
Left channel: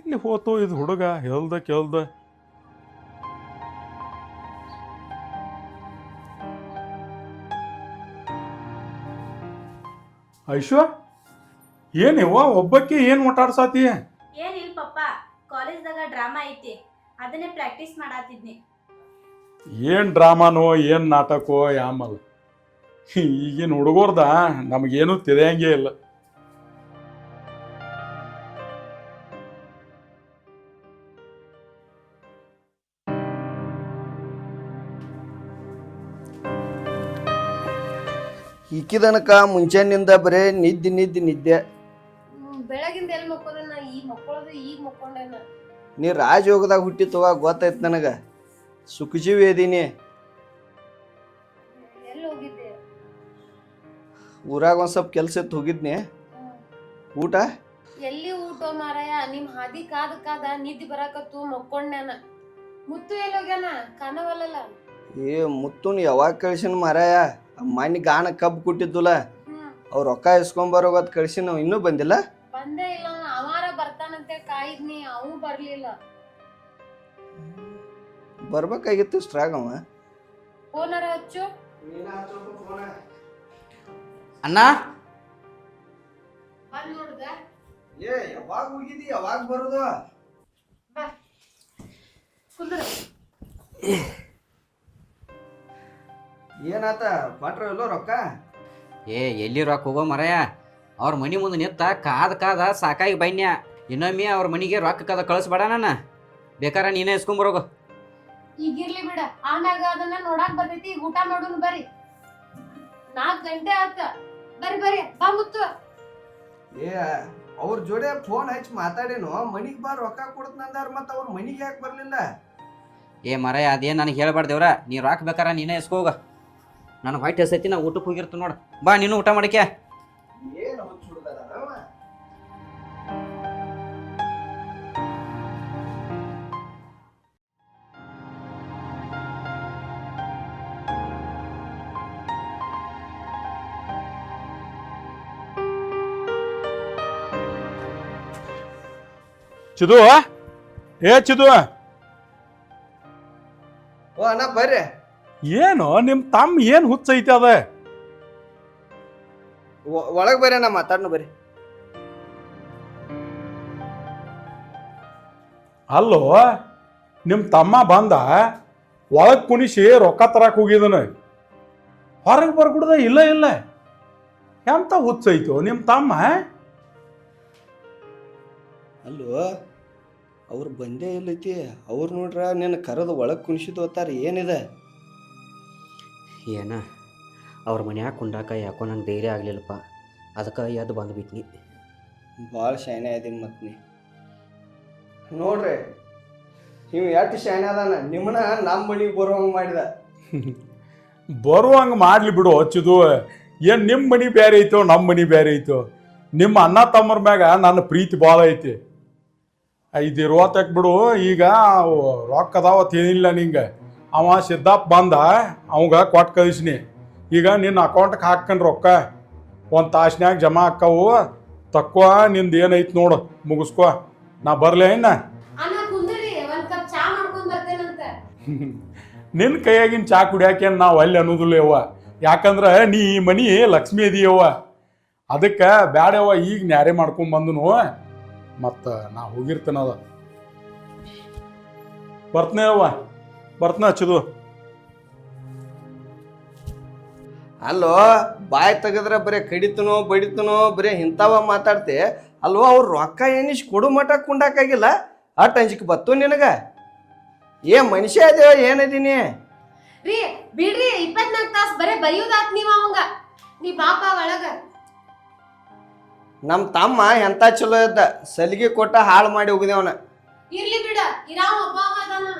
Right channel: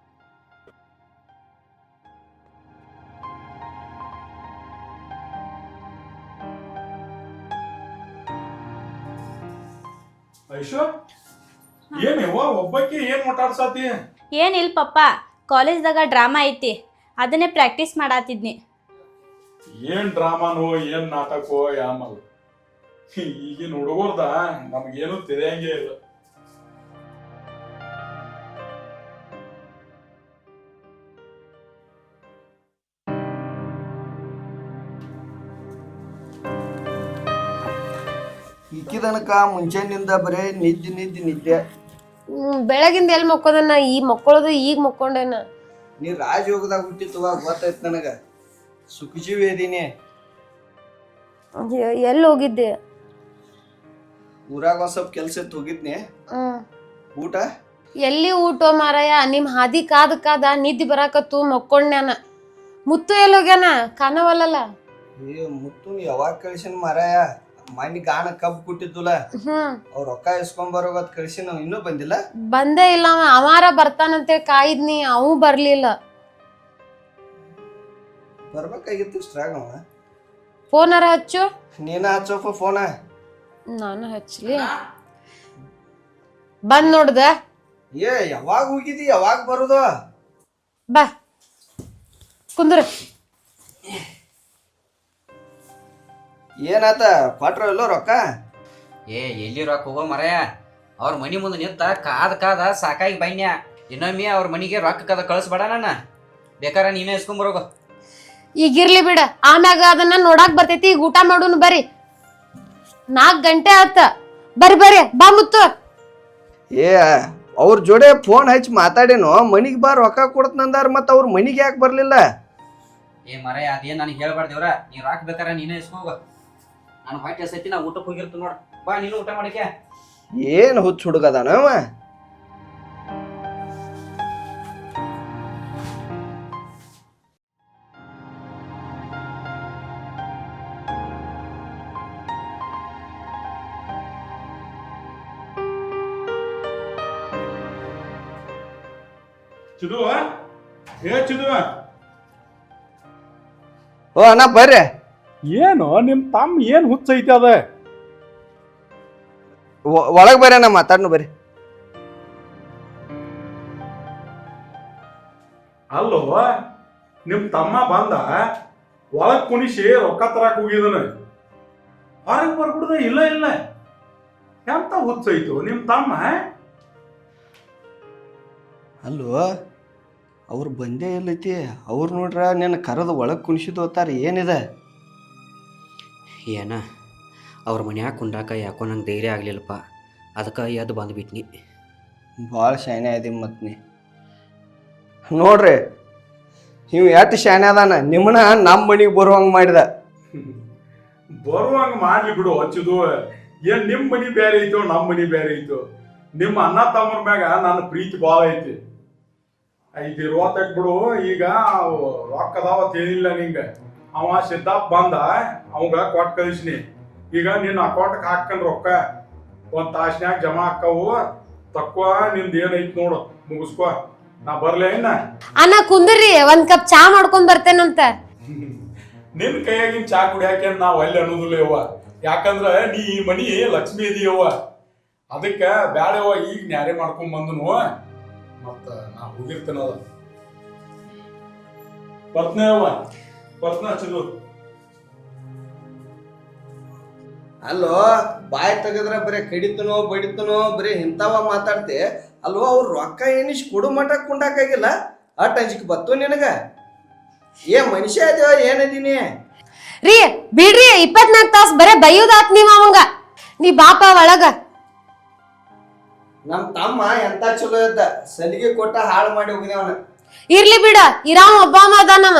ಎಲ್ಲಿ ಹೋತು ಇದು ಹುಡುಗ? ಹೇಳ್ದ ಕೇಳ್ದ. ಐಶ್ವ, ಏನಿವ ಒಬ್ಬಕ್ಕೆ ಏನ್ ಮಾತಾಡ್ಸಾತಿ? ಏನಿಲ್ಲ ಪಪ್ಪ, ಕಾಲೇಜ್ದಾಗ ಡ್ರಾಮಾ ಐತಿ, ಅದನ್ನೇ ಪ್ರಾಕ್ಟೀಸ್ ಮಾಡಾತಿದ್ನಿ. ಏನ್ ಡ್ರಾಮಾನೋ ಏನ್ ನಾಟಕೋ ಯಾಮಲ್. ಈಗಿನ ಹುಡುಗರ್ದ ನಮಗೇನು ತಿಳಿಯಂಗೇ ಇಲ್ಲ. ಇಕ್ಕಿದನಕ ಮುಂಜಾನಿಂದ ಬರೇ ನಿದ್ದೆ. ಬೆಳಗಿಂದ ಎಲ್ಲಿ ಮಕ್ಕೋದನ್ನ? ಈ ಮಕ್ಕಳದು ಈಗ ಮಕ್ಕೊಂಡೇನ. ನೀ ರಾಜಯೋಗದಾಗ ಹುಟ್ಟಿತ್ತವ ಗೊತ್ತಾಯ್ತು ನನಗ. ಸುಖಜೀವಿ ಅದೀನಿ. ಎಲ್ಲಿ ಹೋಗಿದ್ದೆ? ಊರಾಗ ಒಂದ್ ಸ್ವಲ್ಪ ಕೆಲ್ಸ ಇತ್ತು, ಹೋಗಿದ್ನೆ. ಊಟ ಎಲ್ಲಿ ಊಟ ಮಾರಾಯ? ನಿಮ್ ಹಾದಿ ಕಾದ ನಿದ್ದೆ ಬರಾಕತ್ತು, ಮಕ್ಕೊಂಡ್ಯಾನ. ಮುತ್ತು ಎಲ್ಲಿ ಹೋಗ್ಯಾನ? ಕಾಣವಲ್ಲಲ್ಲ. ಏ ಮುತ್ತುನ್ ಯಾವಾಗ ಕಳ್ಸಿನ ಮಾರಾಯ? ಮನೆ ಗಾಣ ಕಬ್ಬು ಕೊಟ್ಟಿದ್ದುಲ್ಲ, ಅವ್ರ ರೊಕ್ಕ ಇಸ್ಕೊಂಬರೋಗತ್ ಕಳ್ಸಿ. ನಾವು ಇನ್ನೂ ಬಂದಿಲ್ಲ. ಬಂದೇ ಇಲ್ಲ. ಅವಾರ ಬರ್ತಾನಂತೆ ಕಾಯಿದ್ನಿ, ಅವು ಬರ್ಲಿಲ್ಲ. ಬರ್ಬೇಕಾಗಿತ್ತು ಇಷ್ಟ್ರಾಗ. ಅವ ಫೋನರ ಹಚ್ಚು. ನೀನ ಹಚ್ಚೋಪ ಫೋನ. ನಾನು ಹಚ್ಚ. ಅಣ್ಣ ಬಂದ್ ನೋಡ್ದ. ಏ ಯಾವಾಗ ಹೋಗಿದಿ? ಯಾವಾಗ ಬರುದು? ಬಾ ಕುಂದ್ರ. ಏನಾತ? ಕೊಟ್ರ ಇಲ್ಲೋ ರೊಕ್ಕ? ಏ ಎಲ್ಲಿ ರೊಕ್ಕ ಹೋಗೋ ಮರಯ? ಅವ್ರ ಮನಿ ಮುಂದೆ ನಿಂತ ಕಾದ ಸಾಕಾಗಿ ಬನ್ಯ. ಇನ್ನೊಮ್ಮೆ ಅವ್ರ ಮನಿಗೆ ರೊಕ್ಕ ಕದ ಕಳಿಸ್ಬೇಡ. ನನ್ನ ಬೇಕಾರ ನೀನೇ ಇಸ್ಕೊಂಬರೋಗು. ಈಗಿರ್ಲಿ ಬಿಡ, ಆಮ್ಯಾಗ ಅದನ್ನ ನೋಡಾಕ್ ಬರ್ತೈತಿ. ಈಗ ಊಟ ಮಾಡೋನು ಬರ್ರಿ. 4 ಗಂಟೆ ಆತ. ಬರ್ರಿ ಬಾ ಮುತ್ತು. ಏ ಅವ್ರ ಜೋಡೆ ಫೋನ್ ಹಚ್ಚಿ ಮಾತಾಡೇನು ಮನಿಗೆ ಬಾ ರೊಕ್ಕ ಕೊಡ್ತಂದಾರ ಮತ್ತು ಅವ್ರ ಮನಿಗೆ ಯಾಕೆ ಬರಲಿಲ್ಲ? ಏ ಮರ ಅದೇನು ನನಗೆ ಹೇಳ್ಬಾರ್ದೇವ್ರ, ನೀ ರೊಕ್ಕ ಬೇಕಾರ ನೀನೇ ಇಸ್ಕೋಗ. ನನಗೆ ಹೊಟ್ಟೆ ಹಸೈತಿ, ನಾ ಊಟಕ್ಕೆ ಹೋಗಿರ್ತೀನಿ ನೋಡು. ಬಾ ನೀನು ಊಟ ಮಾಡಕ್ಕೆ. ಏನು ಹುಚ್ಚು ಹುಡುಗದಾನವ? ಚಿದು ಏ ಚಿದು, ಓ ಅಣ್ಣ ಬರ್ರಿ. ಏನು ನಿಮ್ ತಮ್ಮ ಏನ್ ಹುಚ್ಚೈತಿ ಅದ? ಒಳಗೆ ಬರ್ರಿ ಅಣ್ಣ, ಮಾತಾಡ್ನು ಬರ್ರಿ. ಅಲ್ಲೋ ನಿಮ್ ತಮ್ಮ ಬಂದ ಒಳಗ್ ಕುಣಿಸಿ ರೊಕ್ಕ ತರಕ್ ಹೋಗಿದನ, ಹೊರಗೆ ಬರ್ಬಿಡ್ದ. ಇಲ್ಲ ಇಲ್ಲ, ಎಂತ ಹುಚ್ಚೈತು ನಿಮ್ ತಮ್ಮ? ಅಲ್ಲೋ ಅವ್ರು ಬಂದೇ ಇಲ್ಲೈತಿ. ಅವ್ರು ನೋಡ್ರ ನಿನ್ನ ಕರೆದು ಒಳಗೆ ಕುಣಿಸಿದ್ದು ಹೋತಾರ. ಏನಿದೆ? ಏನ ಅವ್ರ ಮನ್ಯಾಗ ಕುಂಡಾಕ ಯಾಕೋ ನಂಗೆ ಧೈರ್ಯ ಆಗಲಿಲ್ಲಪ್ಪ, ಅದಕ್ಕೆ ಎದ್ದು ಬಂದುಬಿಟ್ನಿ. ಭಾಳ ಶಾನೆ ಆದಿ ಮತ್ತು ನೀ ನೋಡ್ರಿ, ನೀವು ಎಷ್ಟು ಶಾನೆ ಅದಾನ, ನಿಮ್ಮನ್ನ ನಮ್ಮ ಮನೆಗೆ ಬರುವಂಗೆ ಮಾಡಿದ. ಬರುವಂಗ ಮಾಡ್ಲಿ ಬಿಡು ಹಚ್ಚಿದು. ಏನ್ ನಿಮ್ ಮನಿ ಬೇರೆ ಐತೋ ನಮ್ಮ ಮನಿ ಬೇರೆ ಐತೋ? ನಿಮ್ಮ ಅಣ್ಣ ತಮ್ಮರ ಮ್ಯಾಗ ನನ್ನ ಪ್ರೀತಿ ಭಾಳ ಐತಿ. ಇದಿರುವತ್ತಕ್ ಬಿಡು. ಈಗ ರೊಕ್ಕ ಅದಾವತ್ ಏನಿಲ್ಲ ನಿಂಗ. ಅವ ಸಿದ್ದಾಪ್ ಬಂದ, ಅವಂಗ ಕೊಟ್ಟು ಕಳಿಸ್ನಿ. ಈಗ ನಿನ್ನ ಅಕೌಂಟ್ಗೆ ಹಾಕ್ಕೊಂಡ್ ರೊಕ್ಕ ಒಂದು ತಾಸ್ನ್ಯಾಗ ಜಮಾ ಆಕ್ಕವು. ತಕ್ಕೋ ನಿಂದ ಏನೈತಿ ನೋಡು, ಮುಗಿಸ್ಕೋ. ನಾ ಬರ್ಲೇ ಇನ್ನ? ಅಣ್ಣ ಕುಂದ್ರಿ, ಒಂದ್ ಕಪ್ ಚಾ ಮಾಡ್ಕೊಂಡ್ ಬರ್ತೇನಂತ. ನಿನ್ನ ಕೈಯಾಗಿನ ಚಾ ಕುಡಿಯಾಕೇನ್ ನಾವು ಅಲ್ಲಿ ಅನ್ನೋದಿಲ್ಲ ಯವ್ವ. ಯಾಕಂದ್ರ ನೀ ಈ ಮನಿ ಲಕ್ಷ್ಮಿ ಅದೀಯವ್ವ. ಅದಕ್ಕೆ ಬ್ಯಾಡವ್ವ, ಈಗ ನ್ಯಾರೆ ಮಾಡ್ಕೊಂಡ್ ಬಂದನು. ಮತ್ತ ನಾ ಹೋಗಿರ್ತೇನಲ್ಲ, ಬರ್ತನೇಯವ್ವ, ಬರ್ತನ ಹಚ್ಚಿದು. ಅಲ್ಲೋ ಬಾಯ್ ತೆಗದ್ರ ಬರೀ ಕಡಿತನೋ ಬಡಿತನೋ ಬರೀ ಇಂಥವ ಮಾತಾಡ್ತೆ. ಅಲ್ವೋ ಅವ್ರು ರೊಕ್ಕ ಏನಿಷ್ಟು ಕೊಡು ಮಠ ಕುಂಡಾಕಾಗಿಲ್ಲ, ಅಟ್ ಅಂಜಿಕೆ ಬತ್ತು ನಿನಗ? ಏ ಮನುಷ್ಯ ಅದೇವ ಏನದೀನಿ? ರೀ ಬಿಡ್ರಿ, 24 ತಾಸು ಬರೇ ಬೈಯೋದಾತ್ ನೀವ್ ಅವಂಗ. ನೀ ಬಾಪ ಒಳಗ. ನಮ್ಮ ತಮ್ಮ ಎಂತ ಚಲೋ ಇದ್ದ, ಸಲಿಗೆ ಕೊಟ್ಟ ಹಾಳು ಮಾಡಿ ಹೋಗಿದೇವನ. ಇರ್ಲಿ ಬಿಡ, ಇರಾವ್ ಒಬ್ಬ ಅದಾನವ.